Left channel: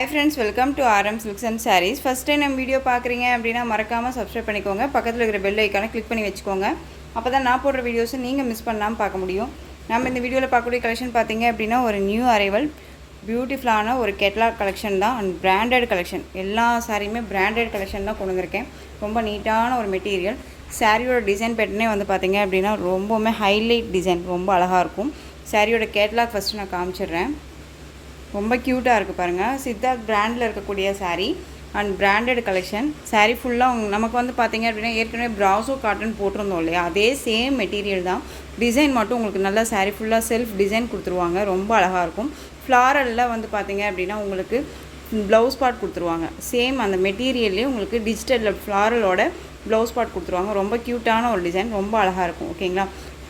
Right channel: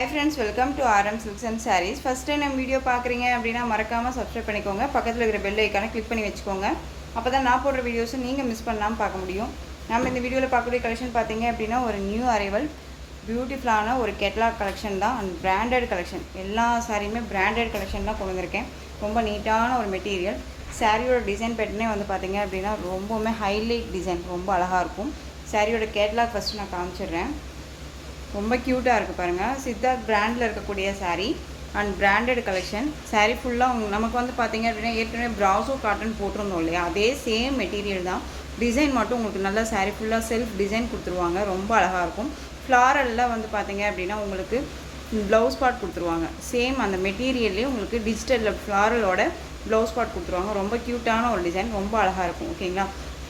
Hi friends, welcome to RM Silks and Sarees. First time நம்ம video பார்க்குறீங்க அப்படின்னா மறக்காமல் சப்ஸ்கிரைப் பண்ணிக்கோங்க. பக்கத்தில் இருக்கிற பெல் ஐக்கானை கிளிக் பண்ணி வச்சுக்கோங்க. அப்போ தான் நான் போடுற வீடியோஸை நீங்கள் மிஸ் பண்ணாமல் பார்க்க முடியும். நம்ம இந்த வீடியோவில் பார்க்கக்கூடிய கலெக்ஷன் பார்த்தீங்க அப்படின்னா ஒரு நியூ அரைவல் பியூட்டிஃபுல்லான ஒரு கேட்லாக் கலெக்ஷன் தான் அண்ட் பிராண்டட் கலெக்ஷன். எல்லா சாரியுமே பிராண்டட் கலெக்ஷன் தான் கொண்டு வந்திருக்கேன். ரொம்ப நீட்டான ஒரு மெட்டீரியல். சாரியோட டிசைன் பேட்டர்னே வந்து பார்த்தீங்க அப்படின்னா ரொம்பவுமே ஹைலைட் டிசைன், ரொம்ப அழகாக இருக்கும். சாரியோட கேட்லாக் ஃபஸ்ட்டு நான் காமிச்சிடுறேன். ரொம்ப க்யூட்டாக இருக்குது பாருங்கள். சித்தார்த் பிராண்டில் இருக்கக்கூடிய sari and branded collection. Sari ஃபுல்லாக நமக்கு வந்து பார்த்திங்க அப்படின்னா ஏற்கனவே ப்ராசோ காட்டன் போட்டிருந்தோம் இல்லையா, அதே சேம் மெட்டீரியல் தான். டிசைன் மட்டும் உங்களுக்கு நல்லா சாரீ ஃபுல்லாக செல்ஃப் டிசைன் கொடுத்துருவாங்க. ரொம்ப அழகாக இருக்கும். ஃப்ளாரலில் வந்து பார்த்திங்க அப்படின்னா உங்களுக்கு ப்ளவுஸ் பார்ட் கொடுத்துருவாங்க. சேம் அந்த மெட்டீரியல்லே உங்களுக்கு டிஜிட்டலில் ஃப்ளாரலோட ப்ளவுஸ் பார்ட் கொடுத்துருவாங்க. ரொம்ப க்யூட்டான ஒரு டிசைன், ரொம்ப அழகாக இருக்கும். ஓகேங்களா,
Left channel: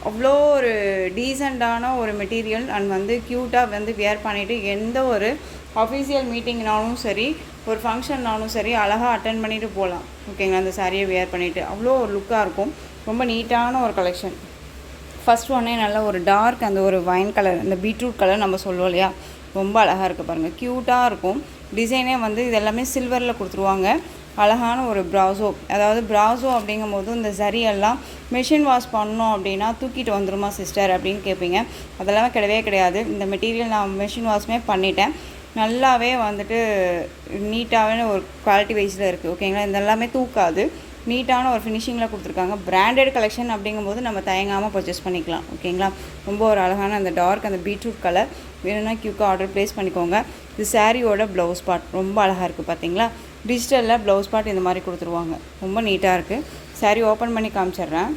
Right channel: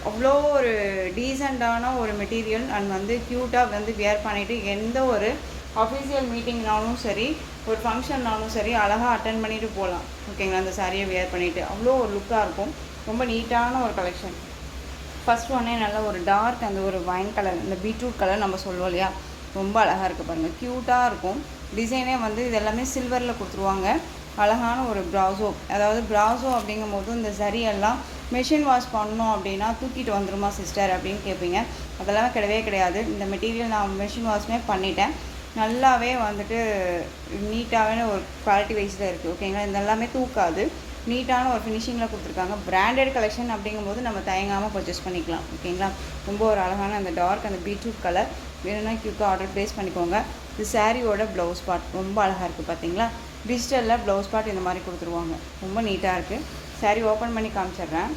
அவ்வளோ ஒரு டீசெண்டான ஒரு மெட்டீரியல் அண்ட் வந்து க்யூட்டாக வந்து வியர் பண்ணிவிட்டு எந்த ஒரு அஃபீஷியல் மீட்டிங்னாலும் சரி, ஒரு ஃபங்க்ஷன்னாலும் சரி அழகாக அட்டன் பண்ணிவிட்டு போகலாம். ஓகேங்களா, அந்த சாரியை வியர் பண்ணிவிட்டு அவ்வளோ ஒரு லுக்காக இருக்கும். ரொம்ப நீட்டான ஒரு கலெக்ஷன். ஃபஸ்ட் ஒன்னே நல்ல ஒரு டார்க் அந்த ஒரு வைன் கலர், இந்த பீட்ரூட் கலர் நம்ம சொல்லுவோம் இல்லையா, ரொம்ப அழகாக இருக்குது பாருங்கள். க்யூட்டாக இருக்கும். டிசைனே வந்து இது எல்லாமே சில்வரில் கொடுத்துருவாங்க. அழகான ஒரு ப்ராசோ, அதாவது ப்ராசோ அப்படிங்கும்போது இந்த சரியெல்லாம் மிஷின் வாஷ் பண்ணோம் அப்படின்னா தூக்கிட்டு வந்துடுமா சிஸ்டர் அப்படின்னு கேட்பீங்க. அதெல்லாம் கிடையவே கிடையாது. இந்த மெட்டீரியல் நான் மிஷின் வாஷ்மே பண்ணிட்டேன். நல்லாவே வந்துட்டு நீட்டாகவே ஒரு குவாலிட்டி வைஸில் இருக்குது. ஓகேங்களா, இந்த எல்லாமே தூக்காது. நீட்டான ஒரு ஃபினிஷிங்கில் கொடுத்துருக்காங்க. பிராண்டட் கலெக்ஷன் அப்படிங்கும்போது நம்ம தயங்காமல் பர்ச்சேஸ் பண்ணிக்கலாம். ஓகேங்களா, ரொம்ப ஒரு அழகான அந்த டார்க் அந்த பீட்ரூட் கலர் வேணும்னா க்யூக்காக ஆர்டர் ப்ளேஸ் பண்ணிக்கோங்க. இது சாரியோட ப்ளவுஸ் பார்ட் ரொம்ப அழகாக இருக்குது பார்த்தீங்களா. டிஜிட்டலில் ப்ளவுஸ் பார்ட் இந்த மாதிரி கொடுத்துருவாங்க. ரொம்ப நீட்டாக இருக்குது. சாரி ஓப்பன் பண்ணி காமிச்சிட்றேன்.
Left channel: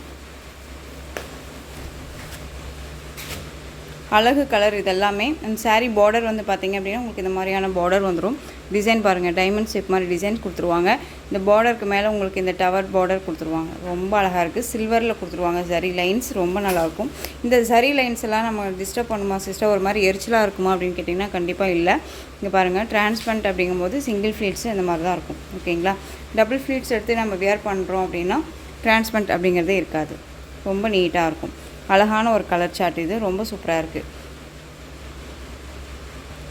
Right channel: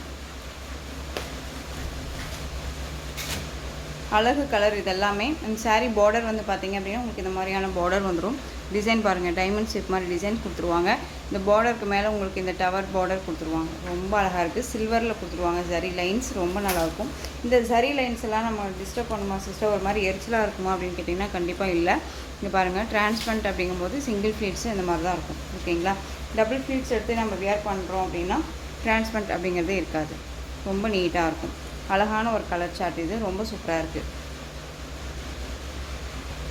அழகு கலர் இதெல்லாமே. அந்த சாரீ பார்டர் வந்து பார்த்திங்க அப்படின்னா உங்களுக்கு இந்த மாதிரியான பார்டர் வந்துடும். டிசைன் பாருங்கள், டைமண்ட் ஷேப் மாதிரி டிசைன் கொடுத்துருவாங்க. இந்த பார்டருக்கு மேலே உங்களுக்கு இந்த டவர் பார்டர் கொடுத்துருவாங்க. ரொம்ப அழகாக இருக்குது. சில்வரில் கொடுத்துருவாங்க. சரி லைன்ஸ் ரொம்ப நல்லாயிருக்கும். இந்த சரி லைன்ஸ் எல்லாம் நம்ம டிஸ்டர்ப் பண்ணுமா சிஸ்டர், ஒரு மாதிரி எரிச்சலாக இருக்குமா அப்படின்னு கேட்டிங்கன்னா கண்டிப்பாக இல்லை. இங்கே பாருங்கள், டிரான்ஸ்பரண்ட் அப்படிங்கும்போது சிங்கிள் ஃப்ளீட்ஸ் இந்த மாதிரி தான் இருக்கும். ஓகேங்களா, டபுள் ஃப்ளீட்ஸ் எடுத்து நம்ம வியர் பண்ணுறோம் அப்படின்னா டிரான்ஸ்பரண்ட் அப்படிங்கிறதே இருக்காது. ரொம்ப நீட்டாக இருக்கும். அழகான ஒரு கலர் சார்ட் இது, ரொம்ப சூப்பராக இருக்குது.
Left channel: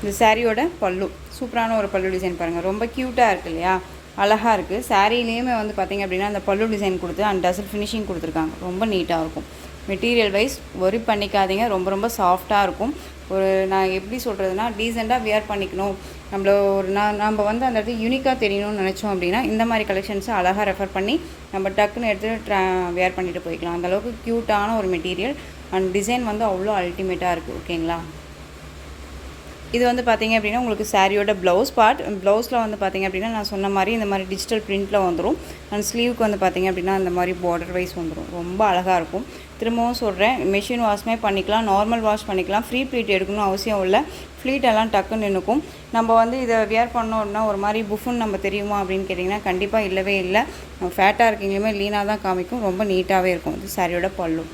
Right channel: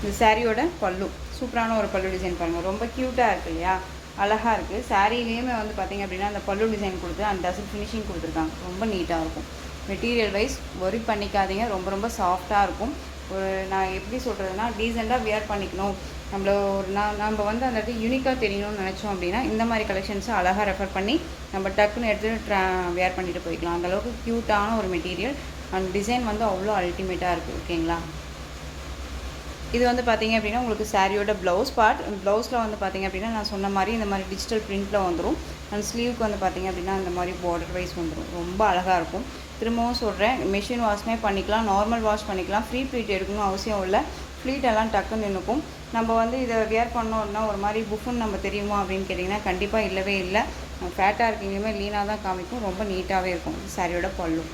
இந்த சாரியோட பல்லு சூப்பரான ஒரு பல்லு டிசைன் பாருங்கள். ரொம்ப க்யூட்டாக இருக்குது இல்லையா, அழகாக இருக்குது. சாரிலேயுமே வந்து பார்த்திங்க அப்படின்னா அந்த பல்லு டிசைன் கொடுத்து அண்ட் டசல் ஃபினிஷிங் கொடுத்துருக்காங்க. ரொம்ப நீட்டாக இருக்கும். மெட்டீரியல் வைஸ் ஒரி பண்ணிக்காதீங்க. ரொம்ப ரொம்ப சாஃப்டாக இருக்கும். ஒரு நான் எப்படி சொல்கிறதுனா டீசெண்டாக வியர் பண்ணிக்கணும், நம்மள ஒரு நம்ம வந்து அந்த இடத்துல யூனிக்காக தெரியணும்னு நினச்சோம் அப்படின்னா இந்த மாதிரி கலெக்ஷன்ஸை அழகாக ரெஃபர் பண்ணி நம்ம டக்குன்னு எடுத்து வியர் பண்ணிட்டு போய்க்கலாம். அந்தளவுக்கு க்யூட்டான ஒரு மெட்டீரியல் அண்ட் டிசைன் வந்து அவ்வளோ அல்டிமேட்டாக இருக்குது. ஓகேங்களா, இது வந்து பார்த்திங்க அப்படின்னா உங்களுக்கு சாரியோட ப்ளவுஸ் பார்ட். ப்ளவுஸில் வந்து பார்த்திங்க அப்படின்னா நான் சொன்ன மாதிரி இந்த மாதிரி டிஜிட்டல் பிரிண்ட்டில் வந்துடும். அண்ட் ஸ்லீவுக்கு வந்து பார்த்திங்க அப்படின்னா இந்த மாதிரி பார்டர் வைஸ் வந்துடும். ரொம்ப அழகாக இருக்கும். திரும்பவும் சொல்கிறேன், மிஷின் வாஷ்மே பண்ணிக்கலாம், நார்மல் வாஷ் பண்ணிக்கலாம். ஃப்ரீ ப்ளீட் எடுக்கணும் அவசியம் இல்லை. ஃப்ளீட்டெல்லாம் டக்குன்னு நின்றுக்கும். நம்ம வந்து இதை வியர் பண்ணோம்னா ஒரு மாதிரி புஃபுன்னு நம்ம தெரியுமா அப்படின்னு கேட்டிங்கன்னா கண்டிப்பாக இல்லவே இல்லை. நம்ம ஃபேட்டாக இருக்கீங்களுமே லீனாக தான் காமிக்கும். ரொம்ப நீட்டாகவே இருக்கும். இது சாரியோட பல்லு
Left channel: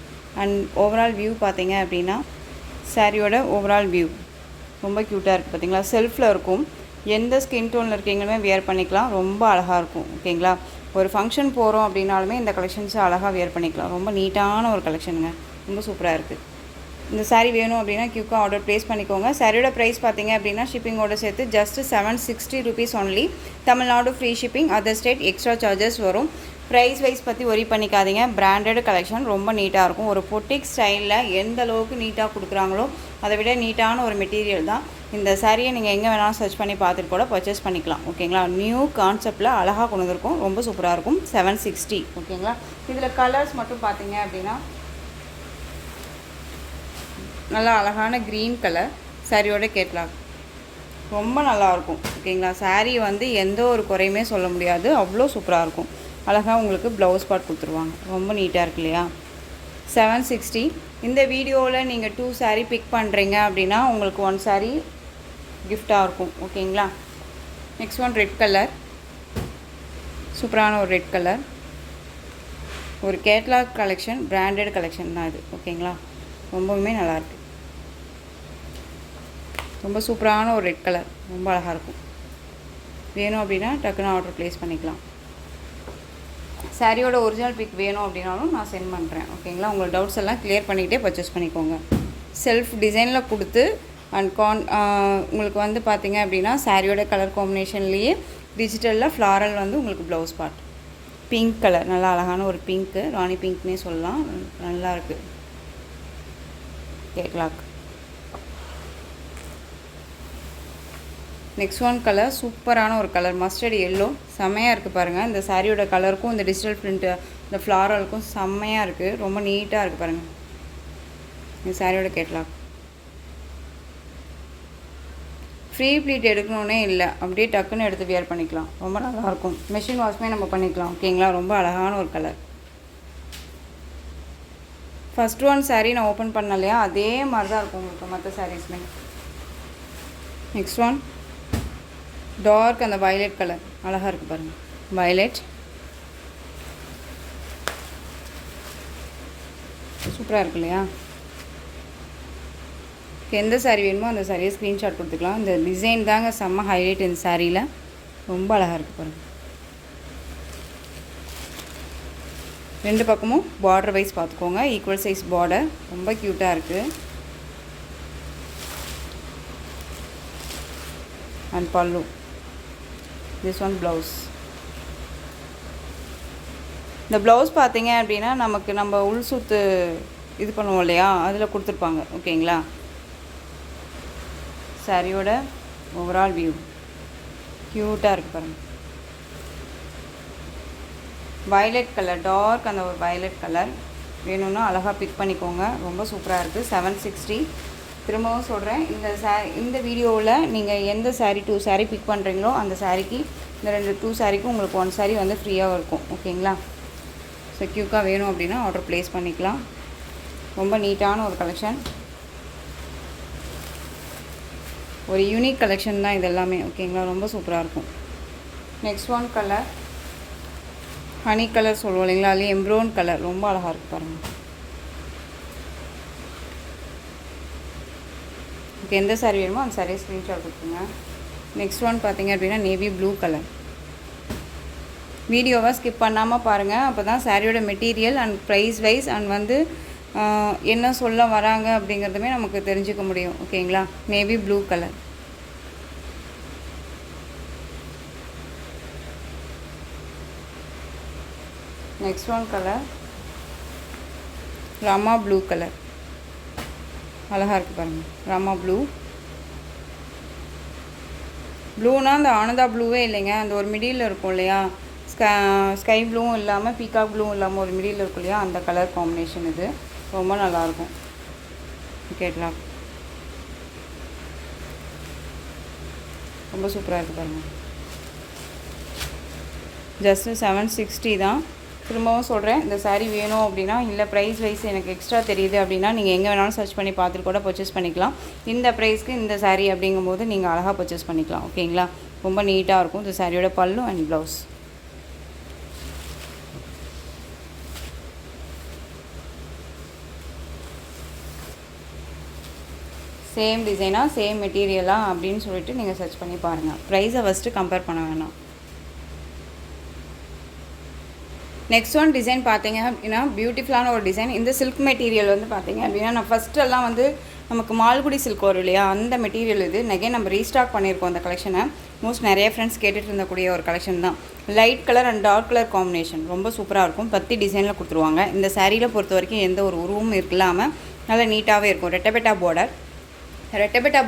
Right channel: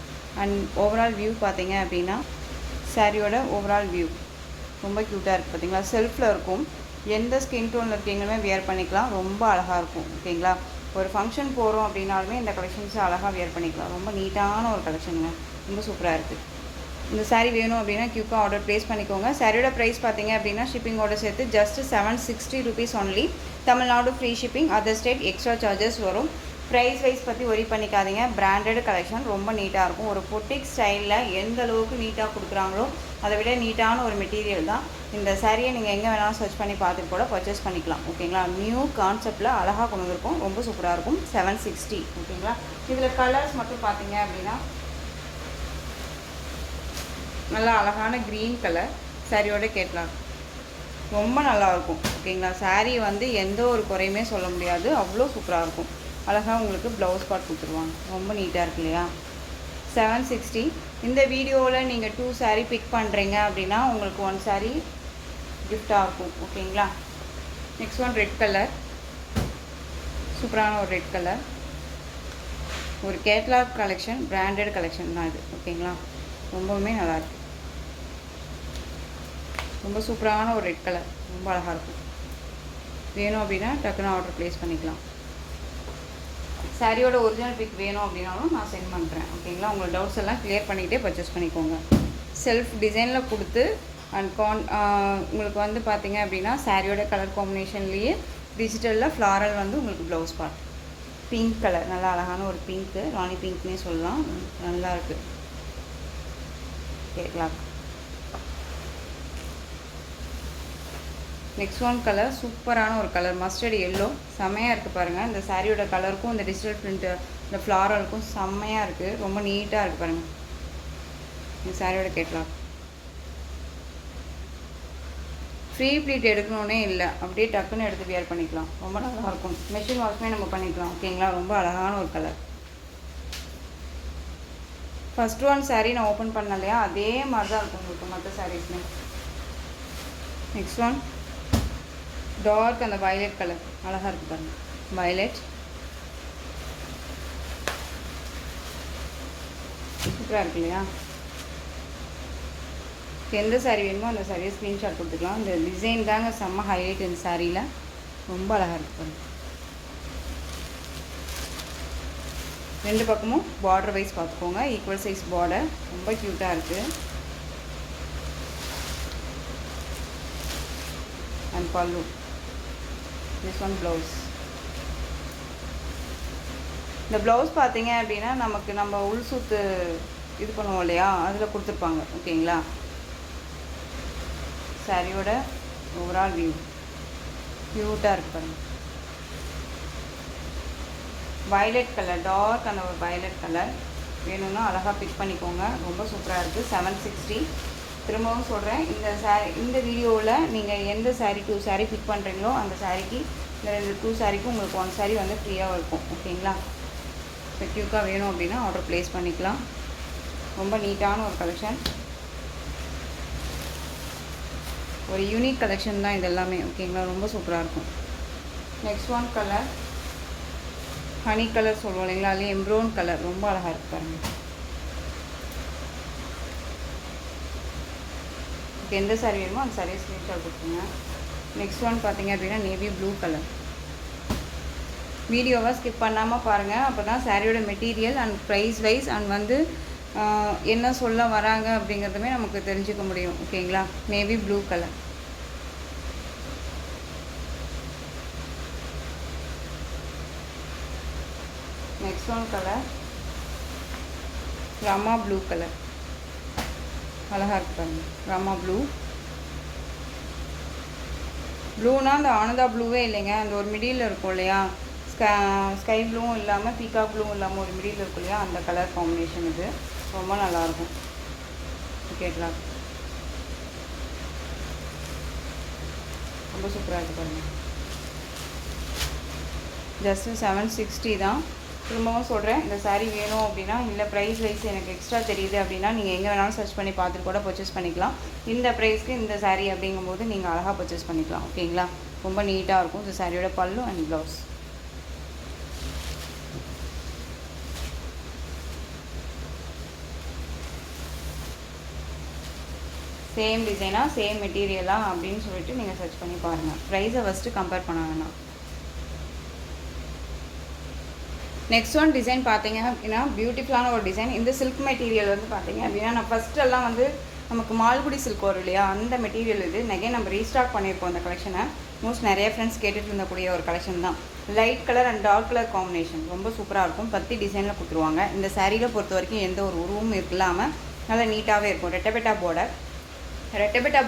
அண்ட் ஓவரால் வியூ பார்த்திங்க அப்படின்னா சாரியோட ஓவரால் வியூ ரொம்ப க்யூட்டாக இருக்குது பார்த்தீங்களா. செல்ஃபில் இருக்கும். எந்த ஸ்கின் டோனில் இருக்கீங்களுமே வியர் பண்ணிக்கலாம். ரொம்ப அழகாக இருக்கும். ஓகேங்களா, ஒரு ஃபங்க்ஷன் போகிறோம் அப்படின்னாலுமே இந்த கலெக்ஷன்ஸை அழகாக வியர் பண்ணிக்கலாம். ரொம்ப நீட்டான ஒரு கலெக்ஷனுங்க, ரொம்ப சூப்பராக இருக்குது. இந்த சாரீ வேணும் அப்படின்னா க்யூக்காக ஆர்டர் ப்ளேஸ் பண்ணிக்கோங்க. சாரியோட ப்ரைஸ் பார்த்தீங்க அப்படின்னா ஷிப்பிங்கோட சேர்த்து just 760 rupees only. Tamil Nadu free shipping, other state extra charges வரும். ப்ரைஸ் வைஸ் பற்றி ஒரி பண்ணிக்காதீங்க. பிராண்டட் கலெக்ஷன் ரொம்ப நீட்டாக இருக்கும். ஒரு பொட்டிக் ஸ்டைலில் எந்த அளவுக்கு நீட்டாக கொடுக்குறாங்களோ அதை விட நீட்டான ஒரு மெட்டீரியல் தான். இந்த சாரியை நீங்கள் எங்கே வேணாலும் சர்ச் பண்ணி பார்த்துட்டு கூட பர்ச்சேஸ் பண்ணிக்கலாம். ஓகேங்களா, நியூ கான்செப்டில் அழகாக கொண்டு வந்திருக்கும். ரொம்ப சூப்பராக இருக்கும். 760. ஓகேங்களா, இதில் கலர்ஸ் மட்டும் பார்த்தீங்க அப்படின்னா நல்லா அழகான க்ரீன் கலர் சாரியோட கேட்லாக் ரொம்ப நல்லாயிருக்கும். ஓகேங்களா, சாரீ வந்து எந்த ஒரு குறையுமே சொல்ல முடியாது. அவ்வளோ சூப்பராக இருக்கும். அழகாக உங்களுக்கு ப்ளவுஸ் பார்ட் கொடுத்துருவாங்க. ரொம்ப நீட்டாக இருக்கு இல்லையா. 760. இந்த வீடியோவில் நீங்கள் 2 சாரீ பிக் பண்ணுறீங்க அப்படின்னா உங்களுக்கு 1 சாரீ கிஃப்டாக இருக்கும். ஓகேங்களா, நெக்ஸ்ட் ஒன் ரெட் கலர், சூப்பரான ஒரு ரெட் கலர். ஒரு கேட்லாக் கலெக்ஷன், பிராண்டட் கலெக்ஷன் தான் இது. ஓகேங்களா, ரொம்பவுமே நல்லாயிருக்கு. ரொம்ப சூப்பரான ஒரு ரெட் கலர், ரொம்ப அழகாக இருக்கும். வேணும் அப்படின்னா டக்குன்னு ஆர்டர் ப்ளேஸ் பண்ணிக்கலாம். சாரியோட ஒரிஜினல் பிக் வேணும் அப்படின்னாலும் நான் சென்ட் பண்ணுறேன். ஓகேங்களா, உங்கள் டவுட்ஸ் எல்லாம் கிளியர் பண்ணிக்கிட்டே பர்ச்சேஸ் பண்ணிக்கோங்க. செல்ஃப் டிசைனில் கொடுத்து அண்ட் உங்களுக்கு வந்து பார்த்தீங்க அப்படின்னா சாரியோட கலர் காம்பினேஷன்லேயே டிஜிட்டலில் ஃப்ளாரல் வந்து உங்களுக்கு ப்ளவுஸ் பார்ட் பிங்க் கலர், நல்லா அழகான ஒரு பிங்க்கு, ராணி பிங்க்னே சொல்லலாம், நல்லா இருக்குது. கேட்கலாம். நெக்ஸ்ட் ஒன் கலர் சூப்பரான ஒரு கலர், மஸ்டர்ட் எல்லோ, செம்மையாக இருக்குது பாருங்கள். இந்த சாரியோட கலருக்கும் இந்த டிஜிட்டல் பிரிண்ட்டு இந்த ஃப்ளாரலுக்கும் செம்மையாக இருக்குது, ரொம்ப நீட்டாக இருக்குது பாருங்கள். இந்த சாரியோட கேட்கலாம். ஃப்ரீ ப்ளீட் எடுக்கணுன்னே இல்லை, அப்படியே டக்குன்னு எடுத்து வியர் பண்ணிக்கலாம், ரொம்ப நல்லாயிருக்கும். மெஷின் வாஷ்மே நம்ம பண்ணிக்கலாம். ஓகேங்களா, ரொம்ப அழகான ஒரு கலர். ஃபஸ்ட் ஒன் சாரீ நான் ஓப்பன் பண்ணலையா, அதே மாதிரி தான் இருக்கும் உங்களுக்கு மற்ற சாரீஸ்மே. நெக்ஸ்ட் ஒன் டார்க் அந்த வயலட் கலர், அழகாக இருக்குது பாருங்கள். வயலட் சூப்பராக இருக்கு இல்லையா. எந்த சாரீ வேணுமோ அந்த சாரியை ஸ்க்ரீன்ஷாட் கொடுத்துக்கலாம். இந்த டிசைன் தாங்க செம்ம ஹைலைட் இந்த சாரியில், ரொம்ப அழகாக இருக்குது பாருங்கள். ரெண்டு பக்கமும் பார்டர் வைஸ் பார்த்துக்கோங்க, ஈக்குவல் சைஸ் பார்டர், ரொம்ப க்யூட்டாக இருக்குது. அண்ட் பல்லு, திஸ் ஒன் ப்ளவுஸ். இந்த ப்ளவுஸ் பார்த்தீங்க அப்படின்னா நம்ம உள் சுத்து இது பண்ணுவோம் இல்லையா, அதில் கொடுத்துருப்பாங்க. ஓகேங்களா, சாரியோட ஓவரால் வியூ க்யூட்டாக இருக்குது பாருங்கள். வயலட் கலர், டார்க் அந்த ஒரு வயலட் கலர் வேணும்னா அழகாக பிக் பண்ணிக்கோங்க, ரொம்ப சூப்பராக இருக்குது. 760. திரும்பவும் சொல்கிறேன், இந்த வீடியோவில் நீங்கள் எந்த சாரீ 2 சாரீ பிக் பண்ணுறீங்களோ அந்த சாரீக்கு இந்த 2 சாரீக்கும் உங்களுக்கு 1 சாரீ வந்து ஃப்ரீயாக இருக்கும். ஓகேங்களா, ஸோ க்யூக்காக வேணும் அப்படின்னா ஆர்டர் ப்ளேஸ் பண்ணிக்கலாம். ரொம்ப நீட்டான ஒரு கலெக்ஷன், ஒரு யூனிக் கலெக்ஷன் தான் இது எல்லாமே. ஓகேங்களா, ரொம்ப சூப்பராக இருக்கும். Next one colour honey colour சொல்லுவோம் இல்லைங்களா, அதுலேயே எம்ப்ரோன் கலர், ரொம்ப அழகாக இருக்குது பாருங்கள். ஓகே, எந்த சாரீ வேணுமோ அந்த சாரியை ஸ்க்ரீன்ஷாட் கொடுத்துங்க. நெக்ஸ்ட் ஒன் பார்த்தீங்க அப்படின்னா நேவி ப்ளூ கலர். வீடியோவை ஸ்கிப் பண்ணாமல் பாருங்கள், அப்போ தான் சாரியோட material and price wise and வந்து என்ன சொல்ல வராங்க அப்படிங்கிறதுமே நமக்கு தெரிஞ்சுக்க முடியும். ஓகேங்களா, navy blue colour. Next one colour Rama blue colour, அழகாக இருக்குது பாருங்கள். ராமா ப்ளூ, ப்ளூனா அந்த ஆனந்தா ப்ளூவே இல்லைங்க, அந்த ஒரு மிடில் இருக்கும் இல்லையா, ஸ்கை ப்ளூவும் இல்லாமல் பீகாக் ப்ளூவும் இல்லாமல் ஒரு மிடில் இருக்கும் இல்லையா, அந்த கலர் காம்பினேஷன் இது, ரொம்ப நல்லாயிருக்கும். ஓகேங்களா, ரொம்ப சூப்பராக இருக்குது பாருங்கள். ஜஸ்ட்டு 760 தான். திரும்பவும் சொல்கிறேன், இந்த சாரீ வேணும் அப்படின்னா, இல்லை ப்ரைஸ் வைஸ் எனக்கு எக்ஸ்ட்ரா தெரியுது அப்படின்னா நீங்கள் எங்கே வேணாலும் சர்ச் பண்ணி பார்த்துட்டு கூட பர்ச்சேஸ் பண்ணிக்கலாம். இந்த ப்ரைஸ்க்கு இந்த சாரீ அப்படிங்கும்போது நீங்கள் அழகாக பர்ச்சேஸ் பண்ணிக்கலாம். ஓகேங்களா, ரொம்ப நீட்டாக இருக்கும். இந்த சாரியோட பல்லு அண்ட் ப்ளவுஸ். சேம் டிசைனாக சேம் மெட்டீரியலாக அப்படின்னு சொல்லிட்டு நீங்கள் சர்ச் பண்ணி பாருங்கள். ப்ரைஸை ஃபஸ்ட்டு கம்பேர் பண்ண வேணாம். நெக்ஸ்ட் ஒன் டிசைன் பார்த்தீங்க அப்படின்னா பியூட்டிஃபுல்லான ஒரு டிசைன். இந்த சில்க் மெட்டீரியல் வந்து பார்த்தீங்க அப்படின்னா நான் ஃபஸ்ட்டெல்லாம் வந்து நமக்கு மால்குடி சில்க் வரும் இல்லையா, அந்த மெட்டீரியல் இது. நெகே நம்ம ரீஸ்டாக் பண்ணியிருக்கோம் அந்த கலெக்ஷனை. மோஸ்ட் நிறைய ஃப்ரெண்ட்ஸ் கேட்டுட்டு இருந்தக்கூடிய ஒரு கலெக்ஷன் தான். Light colour and dark colour combination ரொம்ப சூப்பராக இருக்கும். 10 டிசைனில் கொடுத்துருவாங்க. இந்த சாரியில் பொறுத்த வரைக்கும் எந்த ஒரு உருவமும் இல்லாமல் நல்லா நீட்டாகவே இருக்கும். ரெட்டபெட்டா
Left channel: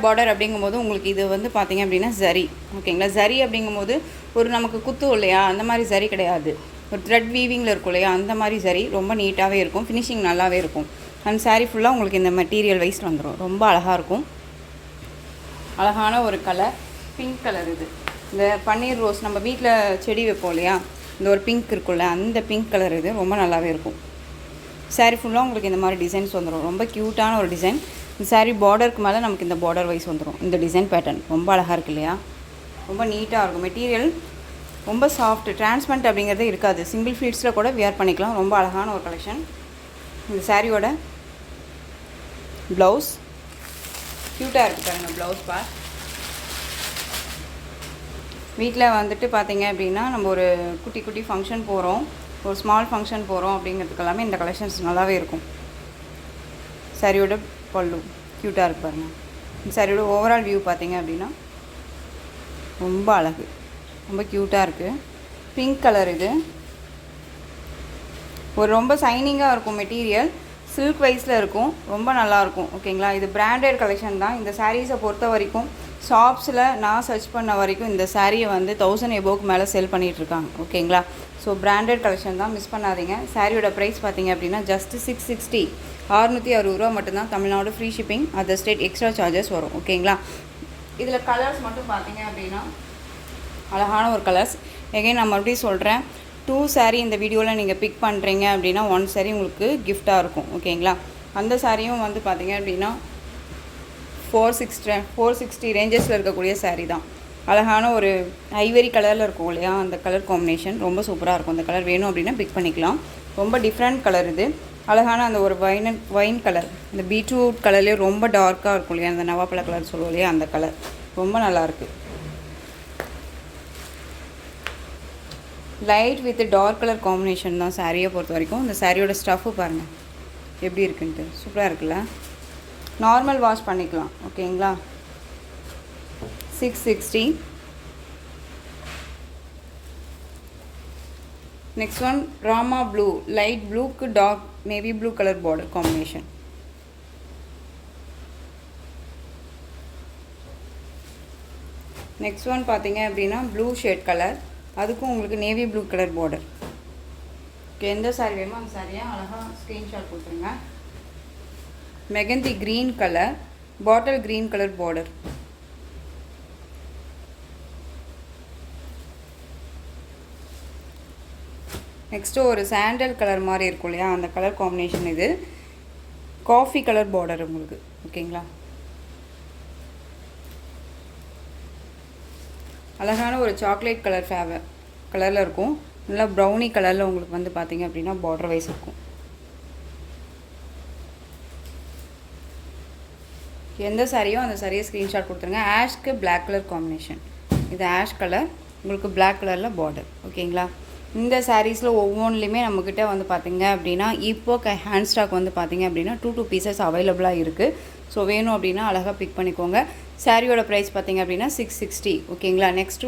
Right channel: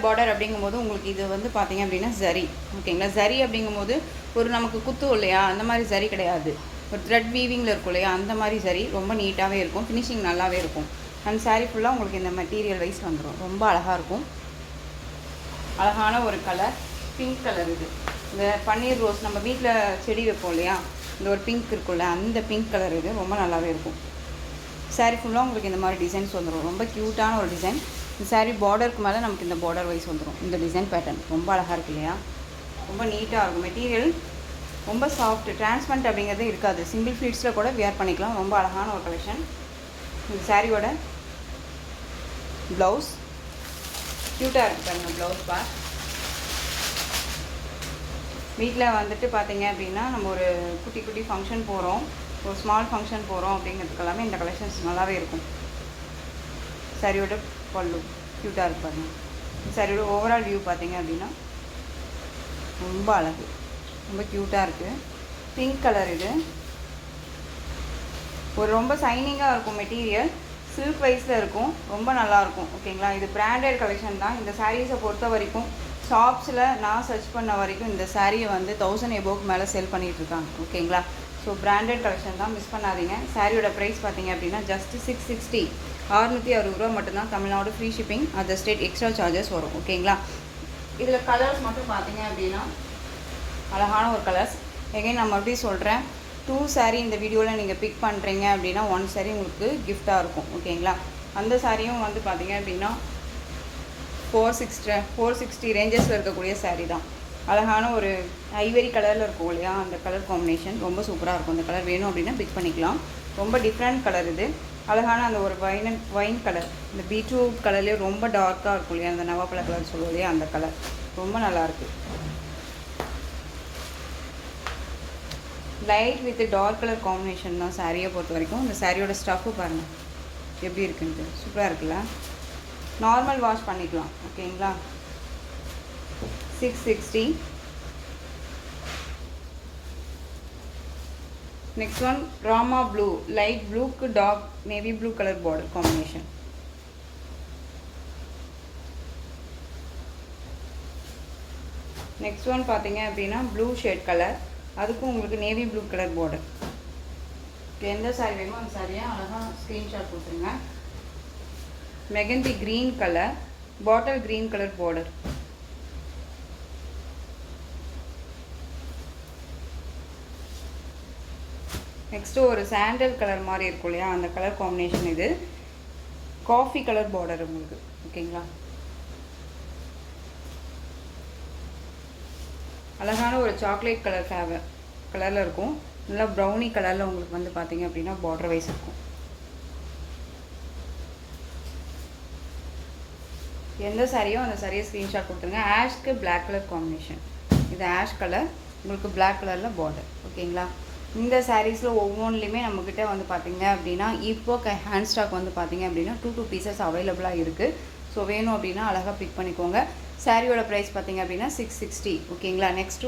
பார்டர் அப்படிங்கும்போது உங்களுக்கு இது வந்து பார்த்தீங்க அப்படின்னா ஜரி. ஓகேங்களா, ஜரி அப்படிங்கும்போது ஒரு நமக்கு குத்து இல்லையா, அந்த மாதிரி ஜரி கிடையாது, ஒரு த்ரெட் வீவிங்கில் இருக்கும் இல்லையா, அந்த மாதிரி சரி ரொம்ப நீட்டாகவே இருக்கும். ஃபினிஷிங் நல்லாவே இருக்கும். அந்த சாரீ ஃபுல்லாக உங்களுக்கு இந்த மெட்டீரியல் வைஸ் வந்துடும். ரொம்ப அழகாக இருக்கும். அழகான ஒரு கலர், பிங்க் கலர். இது இந்த பன்னீர் ரோஸ் நம்ம வீட்டில் செடி வைப்போம் இல்லையா, இந்த ஒரு பிங்க் இருக்குல்ல, அந்த பிங்க் கலர் இது ரொம்ப நல்லாவே இருக்கும். சாரீ ஃபுல்லாக உங்களுக்கு இந்த மாதிரி டிசைன்ஸ் வந்துடும். ரொம்ப க்யூட்டான ஒரு டிசைன். இந்த சாரீ பார்டருக்கு மேலே நமக்கு இந்த பார்டர் வைஸ் வந்துடும். இந்த டிசைன் பேட்டர்ன் ரொம்ப அழகாக இருக்குது இல்லையா, ரொம்ப நீட்டாக இருக்கும். மெட்டீரியல் ரொம்ப சாஃப்ட், டிரான்ஸ்பரண்ட் அப்படிங்கிறதே இருக்காது. சிங்கிள் ஃப்ளீட்ஸில் கூட வியர் பண்ணிக்கலாம். ரொம்ப அழகான ஒரு கலெக்ஷன். இந்த சாரியோட ப்ளவுஸ் க்யூட்டாக இருக்குது பாருங்கள். ப்ளவுஸ் பார்ட் வீட்டில் வந்துட்டு பார்த்தீங்க அப்படின்னா நம்ம ஒரு குட்டி குட்டி ஃபங்க்ஷன் போகிறோம், ஒரு ஸ்மால் ஃபங்க்ஷன் போகிறோம் அப்படிங்கிறதுக்கு எல்லாமே இந்த கலெக்ஷன்ஸ் நல்லாவே இருக்கும். சாரியோட பல்லு க்யூட்டாக இருக்கு பாருங்கள். இந்த சாரியோட ஓவரால் வியூ பார்த்தீங்க அப்படின்னா ரொம்ப அழகு, ரொம்ப க்யூட்டாக இருக்குது. பிங்க் கலர் இது. ஒரு ரொம்ப சைனிங்காக இருக்கும் மெட்டீரியல், சில்க் வைஸில் இருக்கும், ரொம்ப நல்லாயிருக்கும். ஓகேங்களா, இது பிராண்டட் கலெக்ஷன் தான். இந்த சாரீஸை பொறுத்த வரைக்கும் ஷாப்ஸில் நான் சர்ச் பண்ண வரைக்கும் இந்த சாரியை வந்து 1000 எபோவுக்கு மேலே செல் பண்ணிகிட்ருக்காங்க. ஓகேங்களா, ஸோ பிராண்டட் கலெக்ஷன் தான், மிஸ் பண்ணாதீங்க. சாரியோட ப்ரைஸ் பார்த்தீங்க அப்படின்னா ஜஸ்ட் 660, 660 ரூபா மட்டும்தான். Tamil Nadu free shipping, other state extra charges வரும். ஓகேங்களா, இதில் கலர்ஸ் மட்டும் பார்த்தீங்க அப்படின்னா அழகான ஒரு கலர்ஸ். எகைன் நான் மறுபடியும் சொல்கிறேன், 2 சாரீ இந்த வீடியோவில் நீங்கள் பிக் பண்ணுறீங்க அப்படின்னா 1 சாரீ உங்களுக்கு கிஃப்டாக இருக்கும். ஓகேங்களா, அந்த சாரியும் வந்து பார்த்தீங்க அப்படின்னா 460 ரேஞ்சஸில் இருக்கக்கூடிய சாரீ தான். அழகான ஒரு ஐவரி கலரில் இருக்கும் இல்லையா, அந்த கலர் காம்பினேஷன் ரொம்ப சூப்பராக இருக்கும். அந்த கலர் வேணும் அப்படின்னா பிக் பண்ணிக்கலாம். ரொம்ப டிஃப்ரெண்ட் கலர் இது. அழகான அந்த ஒரு வைன் கலர், இந்த பீட்ரூட் கலர்லேயே ரொம்ப டார்க்காக இருக்கும் இல்லையா, அந்த நவாப்பழ கலர் சொல்லுவோம் இல்லையா, அந்த கலர் ரொம்ப நல்லாயிருக்கு. Light with dark colour combination தான் சாரியை பொறுத்த வரைக்கும். இந்த சாரியோட ஸ்டஃப்பு பாருங்கள் எப்படி இருக்குன்ட்டு, சூப்பராக இருக்குல்ல. நார்மல் வாஷ் பண்ணிக்கலாம். ஓகேங்களா, 660. Next one Rama blue, light ப்ளூக்கு dark navy blue colour border combination. Next one பார்த்தீங்க அப்படின்னா ப்ளூ ஷேட் கலர், அதுக்கும் உங்களுக்கு நேவி ப்ளூ கலர் பார்டர். எந்த சாரி வேணுமோ அந்த சாரியை அழகாக ஸ்க்ரீன்ஷாட் கொடுத்துருங்க. Mehndi green colour, bottle green colour border. Next ஒரு சாண்டல் கலர் மாதிரி இருக்கும் இல்லையா, அந்த கலர் காம்பினேஷன். இது காஃபி கலர் பார்டர் உங்களுக்கு. ஓகேங்களா, அழகான ஒரு சாக்லேட் கலர் கலரில் இருக்கும். நல்லா ப்ரௌனி கலரில் உங்களுக்கு வந்து பார்த்தீங்க அப்படின்னா பார்டர் வைஸ் இருக்கும். எந்த சாரியோ அந்த சாரியை ஸ்க்ரீன்ஷாட் கொடுத்துருங்க. ஆஷ்க்கு பிளாக் கலர் காம்பினேஷன். இது ஆஷ் கலர், உங்களுக்கு பிளாக் கலரில் பார்டர். ஓகேங்களா, இந்த சாரீஸில் ஒவ்வொன்றுலையுமே நம்மக்கிட்ட வந்து பார்த்திங்க அப்படின்னா இப்போ ஹேண்ட் ஸ்டாக் வந்து பார்த்திங்க அப்படின்னா 2 பீசஸ் அவைலபிளாக இருக்குது. ஸோ வேணும் அப்படின்னா அழகாக பிக் பண்ணிக்கோங்க. சாரியோட ப்ரைஸ் பார்த்திங்க அப்படின்னா 660. ஓகேங்களா, நெக்ஸ்ட்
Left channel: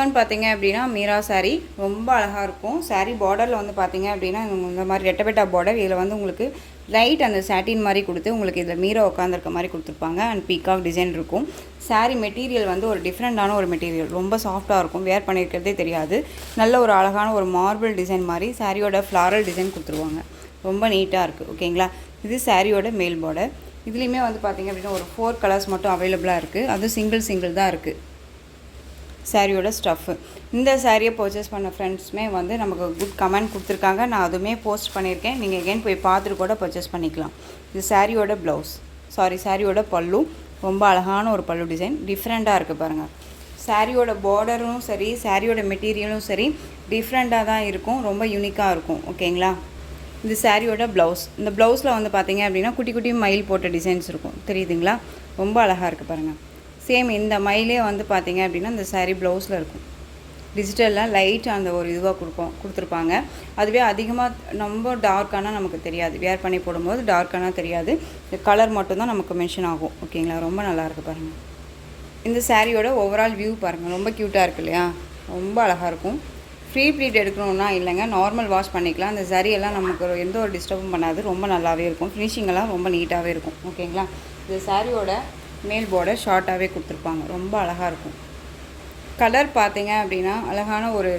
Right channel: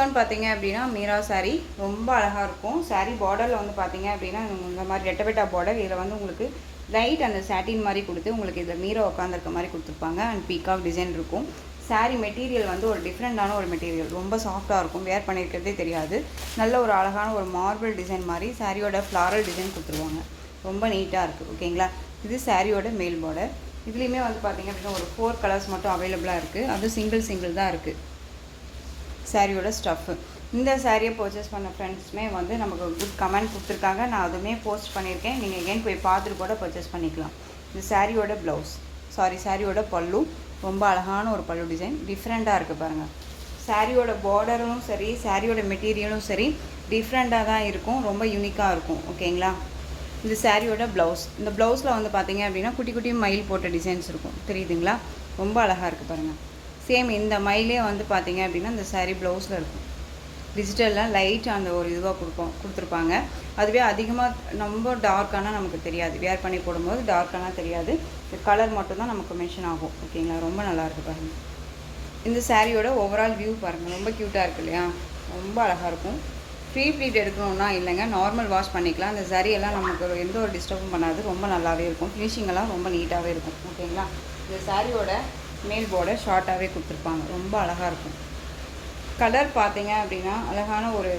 ஒன் பார்த்திங்க அப்படின்னா மீரா சாரீ. ரொம்ப அழகாக இருக்கும். சாரீ பார்டரில் வந்து பார்த்திங்க அப்படின்னா இந்த மாதிரி ரெட்டபெட்டா பார்டர். இதில் வந்து உங்களுக்கு லைட் அந்த சாட்டின் மாதிரி கொடுத்து உங்களுக்கு இதில் மீரா உட்காந்துருக்க மாதிரி கொடுத்துருப்பாங்க. அண்ட் பீகாக் டிசைன் இருக்கும். சாரீ மெட்டீரியல் வந்து ஒரு டிஃப்ரெண்ட்டான ஒரு மெட்டீரியல், ரொம்ப சாஃப்டாக இருக்கும். வேர் பண்ணியிருக்கிறதே தெரியாது. நல்ல ஒரு அழகான ஒரு மார்பிள் டிசைன் மாதிரி சாரியோட ஃப்ளாரல் டிசைன் கொடுத்துருவாங்க. ரொம்ப நீட்டாக இருக்குது. ஓகேங்களா, இது சாரியோட மேல் பார்டர். இதுலேயுமே வந்து பார்த்திங்க அப்படின்னா ஒரு 4 கலர்ஸ் மட்டும் அவைலபிளாக இருக்குது. அதுவும் சிங்கிள் தான் இருக்குது சாரியோட ஸ்டஃப்பு. இந்த சாரியை பர்ச்சேஸ் பண்ண ஃப்ரெண்ட்ஸுமே வந்து நமக்கு குட் கமெண்ட் கொடுத்துருக்காங்க. நான் அதுவுமே போஸ்ட் பண்ணியிருக்கேன். நீங்கள் எகெயின் போய் பார்த்துட்டு கூட பர்ச்சேஸ் பண்ணிக்கலாம். இது சாரியோட சாரியோட பல்லு. ரொம்ப அழகான ஒரு பல்லு டிசைன், டிஃப்ரெண்ட்டாக இருக்குது பாருங்கள். சாரியோட பார்டரும் சரி, சாரியோட மெட்டீரியலும் சரி டிஃப்ரெண்ட்டாக தான் இருக்கும். ரொம்ப யூனிக்காக இருக்கும். ஓகேங்களா, இது சாரியோட ப்ளவுஸ். இந்த ப்ளவுஸில் வந்து பார்த்திங்க அப்படின்னா குட்டி குட்டி மயில் போட்ட டிசைன்ஸ் இருக்கும், தெரியுதுங்களா. ரொம்ப அழகாக இருக்குது பாருங்கள். சேம் இந்த மயிலே வந்து பார்த்திங்க அப்படின்னா இந்த சாரீ ப்ளவுஸில் இருக்கும். டிஜிட்டலில் லைட் அந்த ஒரு இதுவாக கொடுத்துருப்பாங்க. அதுவே அதிகமாக ரொம்ப டார்க்கானால் நமக்கு தெரியாது, வேர் பண்ணி போடும்போது டார்க்கானால் தெரியாது. இந்த கலர் மட்டும்தான் நமக்கு மென்ஷன் ஆகும். ஓகேங்களா, ரொம்ப நல்லாயிருக்கு பாருங்கள். இந்த சாரியோட ஓவரால் வியூ பாருங்கள், ரொம்ப க்யூட்டாக இருக்குது இல்லையா, ரொம்ப அழகாக இருக்கும். ஃப்ரீ ப்ளீட் எடுக்கணுன்னா இல்லைங்க, நார்மல் வாஷ் பண்ணிக்கலாம். இந்த சாரியெல்லாம் நமக்கு எந்த ஒரு டிஸ்டர்பும் பண்ணாது, ரொம்ப நல்லாவே இருக்கும். ஃபினிஷிங்கெல்லாம் ரொம்ப நீட்டாகவே இருக்கும். ஓகேங்களா, இந்த சாரியோட மேல் பார்டர் ஷார்ட்டாகவே கொடுத்துருப்பாங்க, ரொம்ப அழகாக இருக்கும். கலர் பார்த்தீங்க அப்படின்னா அழகான ஒரு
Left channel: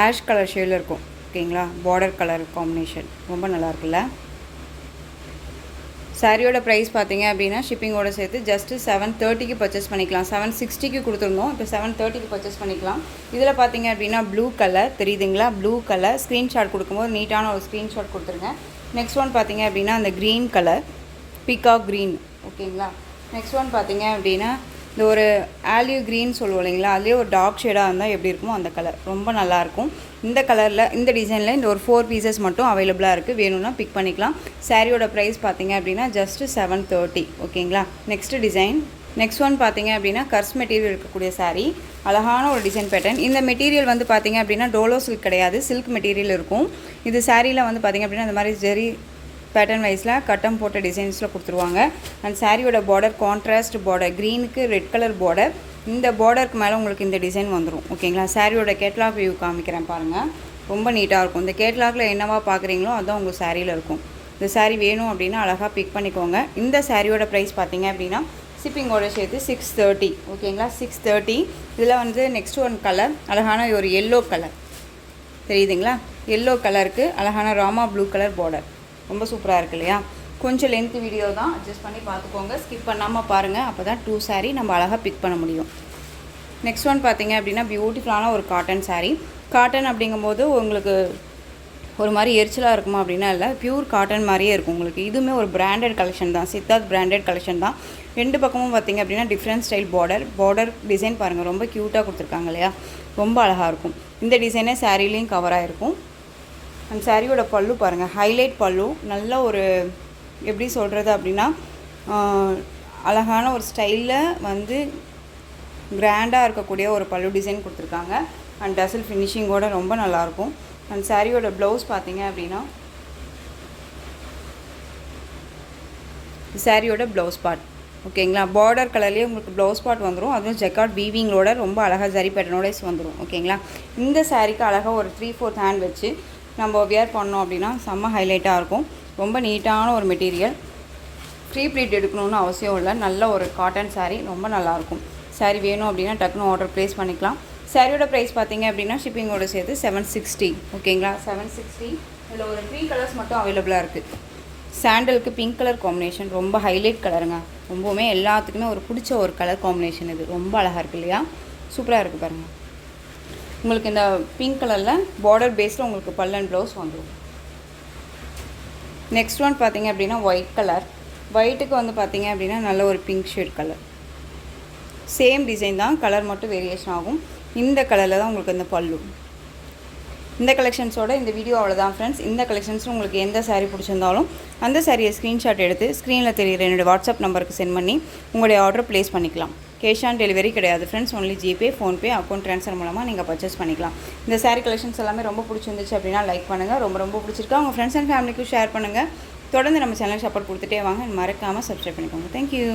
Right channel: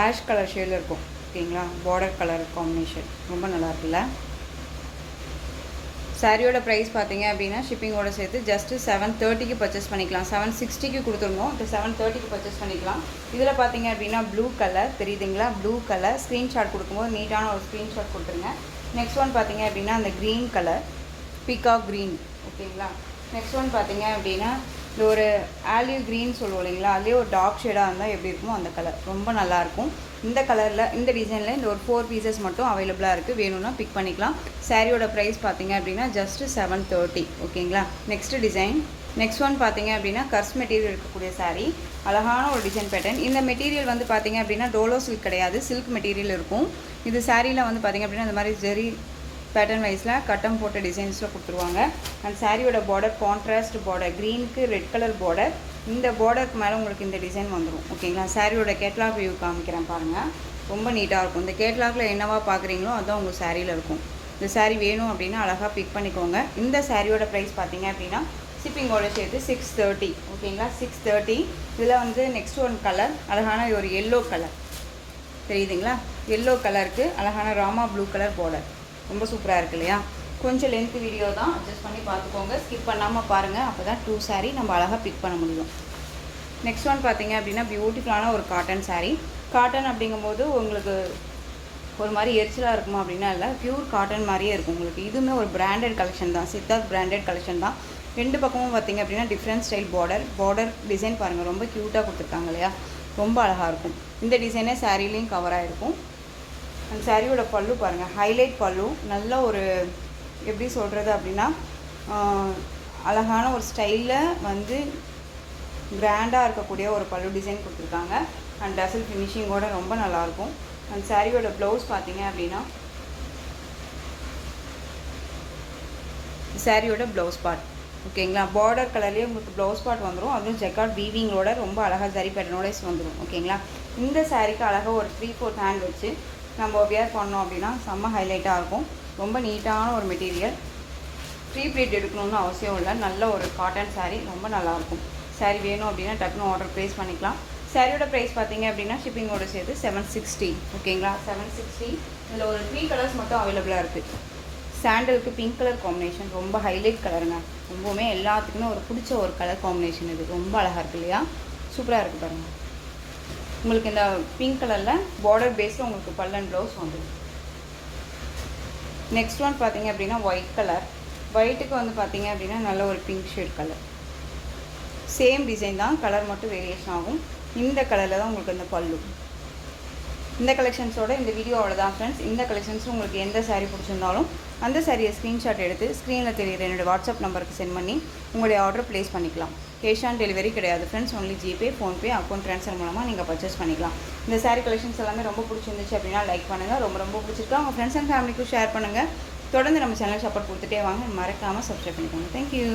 ஆஷ் கலர் ஷேடில் இருக்கும். ஓகேங்களா, பார்டர் கலர் காம்பினேஷன் ரொம்ப நல்லா இருக்குல்ல. சாரியோட ப்ரைஸ் பார்த்தீங்க அப்படின்னா ஷிப்பிங்கோட சேர்த்து ஜஸ்ட்டு 730க்கு பர்ச்சேஸ் பண்ணிக்கலாம். 760க்கு கொடுத்துருந்தோம், இப்போ 730க்கு பர்ச்சேஸ் பண்ணிக்கலாம். இதில் பார்த்தீங்க அப்படின்னா ப்ளூ கலர் தெரியுதுங்களா, ப்ளூ கலர் ஸ்க்ரீன்ஷாட் கொடுக்கும்போது நீட்டான ஒரு ஸ்க்ரீன்ஷாட் கொடுத்துருங்க. நெக்ஸ்ட் ஒன் பார்த்தீங்க அப்படின்னா அந்த க்ரீன் கலர், பீகாக் க்ரீன். ஓகேங்களா, நெக்ஸ்ட் ஒன் பார்த்தீங்க அப்படின்னா இந்த ஒரு ஆலிவ் க்ரீன் சொல்லுவோம் இல்லைங்களா, அதுலேயே ஒரு டார்க் ஷேடாக இருந்தால் எப்படி இருக்குமோ அந்த கலர் ரொம்ப நல்லாயிருக்கும். இந்த கலரில் இந்த டிசைனில் இந்த ஒரு 4 பீசஸ் மட்டும் அவைலபிளாக இருக்குது, வேணும்னா பிக் பண்ணிக்கலாம். சாரியோட ப்ரைஸ் பார்த்தீங்க அப்படின்னா ஜஸ்ட்டு 730. ஓகேங்களா, நெக்ஸ்ட் ஒன் பார்த்தீங்க அப்படின்னா கர்ஸ் மெட்டீரியல் இருக்கக்கூடிய சாரீ, அழகான ஒரு டிசைன் பேட்டர்ன். இந்த மெட்டீரியல் வந்து பார்த்தீங்க அப்படின்னா டோலோ சில்க் கிடையாது, சில்க் மெட்டீரியல் இருக்கும். இது சாரியில் வந்து பார்த்தீங்க அப்படின்னா இந்த மாதிரி பேட்டர்ன் வைஸில் கட்டம் போட்ட டிசைன்ஸில் கொடுத்துருவாங்க. அண்ட் சாரியோட பார்டர் கான்ட்ராஸ்ட் பார்டர், க்ரீனுக்கு ரெட் கலர் பார்டர். இந்த பார்டருக்கு மேலே உங்களுக்கு இந்த டிசைன் வந்துடும். ஓகேங்களா, சாரியோட கேட்லாக் வியூ காமிக்கிறேன் பாருங்கள். ரொம்ப நீட்டாக இருக்கும். இந்த கேட்லாகில் என்னவா பார்க்குறீங்களோ அதுதான் உங்கள் சாரியில் இருக்கும். இந்த சாரீ வேணும் அப்படின்னா அழகாக பிக் பண்ணிக்கோங்க. இந்த சாரியோட ப்ரைஸ் பார்த்தீங்க அப்படின்னா ஷிப்பிங்கோட சேர்த்து 630. ஓகேங்களா, 630. இதில் வந்து நெக்ஸ்ட் ஒன் கலர் அழகான ஒரு எல்லோ கலர் தெரியுதுங்களா. எல்லோ கலருக்கு அழகான ராமா ப்ளூ கலர் பார்டர். ரொம்ப சூப்பராக இருக்கு இல்லையா. கொஞ்சம் லென்த் வீடியோ தான், அட்ஜஸ்ட் பண்ணி பார்த்துக்கோங்க. ஸ்கிப் பண்ணாமல் பாருங்கள், அப்போ தான் 2 சாரீ நம்ம அழகாக பிக் பண்ண முடியும். நெக்ஸ்ட் ஒன் பார்த்தீங்க அப்படின்னா பியூட்டிஃபுல்லான ஒரு காட்டன் சாரீ. காட்டன் அப்படிங்கும்போது உங்களுக்கு ஒரு மாதிரி எரிச்சலாக இருக்குமா அப்படின்னா இல்லை, பியூர் காட்டன் மாதிரியே இருக்கும் உங்களுக்கு. இதுவுமே ஒரு பிராண்டட் கலெக்ஷன் தான், சித்தார்த் பிராண்டட் கலெக்ஷன் தான். 2 பக்கமும் பார்த்தீங்க அப்படின்னா டிஃப்ரெண்ட் ஸ்டைல் பார்டர் டிசைன் பாருங்கள், ரொம்ப க்யூட்டாக கொடுத்துருக்காங்க இல்லையா. ரொம்ப அழகாக இருக்கும். இந்த டிசைனே சாரீலையும் கவராக இருக்கும். அந்த சாரியோட பல்லு பாருங்கள், ஹைலைட் பல்லு. நல்ல ஒரு எப்படி சொல்கிறது அப்படின்னா அழகான ஒரு ஸ்டைலில் வந்து கிராண்டாக இருக்கக்கூடிய ஒரு பல்லு டிசைன் கொடுத்துருக்காங்க. அண்ட் டசல் ஃபினிஷிங்கோட ரொம்ப நல்லாயிருக்கும். அண்ட் சாரியோட ப்ளவுஸ் பார்த்தீங்க அப்படின்னா சாரியோட ப்ளவுஸ் பார்ட். ஓகேங்களா, பார்டர் கலர்லேயே உங்களுக்கு ப்ளவுஸ் பார்ட் வந்துடும். அதுவும் ஜெக்கார்ட் வீவிங்களோட ரொம்ப அழகாக ஜரி பேட்டர்னோட வந்துடும். ஓகேங்களா, இந்த சாரிக்கு அழகாக ஒரு 3/4 ஹேண்ட் வச்சு நம்ம வியர் பண்ணோம் அப்படின்னா செம்ம ஹைலைட்டாக இருக்கும். ரொம்ப நீட்டான ஒரு மெட்டீரியல். ஃப்ரீ ப்ளீட் எடுக்கணும்னு அவசியம் இல்லை. நல்ல ஒரு காட்டன் சாரீ, ரொம்ப நல்லாயிருக்கும். சாரீ வேணும் அப்படின்னா டக்குனு ஆர்டர் ப்ளேஸ் பண்ணிக்கலாம். சாரியோட ப்ரைஸ் பார்த்தீங்க அப்படின்னா ஷிப்பிங்கோட சேர்த்து 760. ஓகேங்களா, 760. இதில் ஒரு 3 கலர்ஸ் மட்டும் அவைலபிளாக இருக்குது. சாண்டலுக்கு பிங்க் கலர் காம்பினேஷன், ரொம்ப ஹைலைட் கலருங்க. ரொம்பவுமே எல்லாத்துக்குமே ஒரு பிடிச்ச ஒரு கலர் காம்பினேஷன். இது ரொம்ப அழகாக இருக்குது இல்லையா, சூப்பராக இருக்குது பாருங்கள். உங்களுக்கு இந்த பிங்க் கலரில் பார்டர் பேஸில் உங்களுக்கு பல்லு அண்ட் ப்ளவுஸ் வந்துடும். நெக்ஸ்ட் ஒன் பார்த்தீங்க அப்படின்னா ஒயிட் கலர். ஒயிட்டுக்கு வந்து பார்த்தீங்க அப்படின்னா நல்ல ஒரு pink shade colour. Same design தான், கலர் மட்டும் வேரியேஷன் ஆகும். இந்த கலரில் தான் உங்களுக்கு இந்த பல்லு. இந்த கலெக்ஷன்ஸோட இந்த வீடியோ அவ்வளோதான் ஃப்ரெண்ட்ஸ். இந்த கலெக்ஷன்ஸில் உங்களுக்கு எந்த சாரீ பிடிச்சிருந்தாலும் அந்த சாரியை ஸ்க்ரீன்ஷாட் எடுத்து ஸ்க்ரீனில் தெரிகிற என்னோடய வாட்ஸ்அப் நம்பருக்கு சென்ட் பண்ணி உங்களுடைய ஆர்டர் ப்ளேஸ் பண்ணிக்கலாம். கேஷ் ஆன் டெலிவரி கிடையாது friends, only GPay, PhonePe, account transfer மூலமாக நீங்கள் பர்ச்சேஸ் பண்ணிக்கலாம். இந்த சாரீ கலெக்ஷன்ஸ் எல்லாமே ரொம்ப பிடிச்சிருந்துச்சு அப்படின்னா லைக் பண்ணுங்கள். ரொம்ப பிடிச்சிருக்கா உங்கள் ஃப்ரெண்ட்ஸ் அண்ட் ஃபேமிலிக்கும் ஷேர் பண்ணுங்கள். தொடர்ந்து நம்ம சேனல் சப்போர்ட் கொடுத்துட்டே வாங்க. மறக்காமல் சப்ஸ்கிரைப் பண்ணிக்கோங்க. தேங்க்யூ.